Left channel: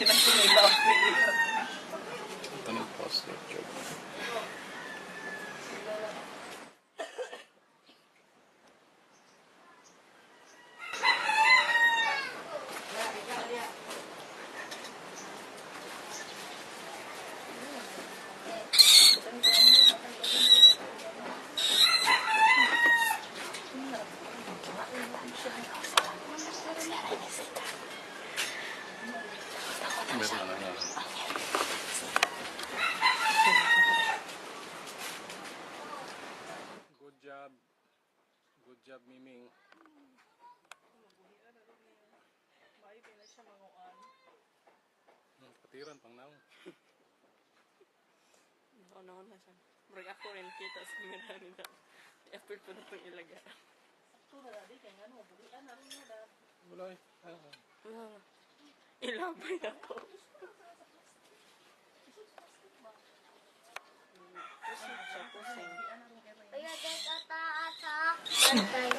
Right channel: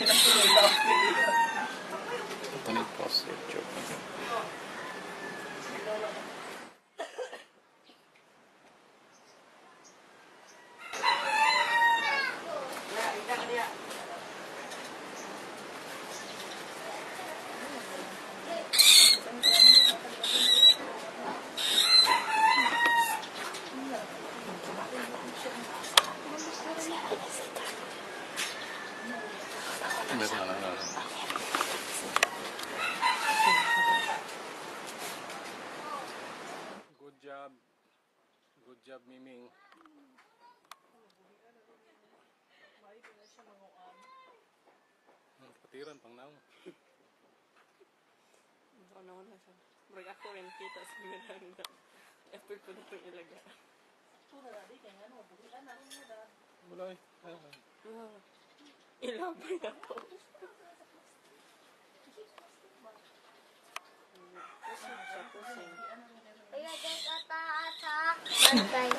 Ito nag-post YouTube. Meron na. Good job. Good job, Miming. Patiran pang naong. Ano na siya. Marag ako rin kita sa nila nila. Apple ko na itong ilaga. Ito na dadi, kaya nga no, buhian na rin na dad. Wala eh. Ilabay ako. Kaya guys, ata-ata. Bantay.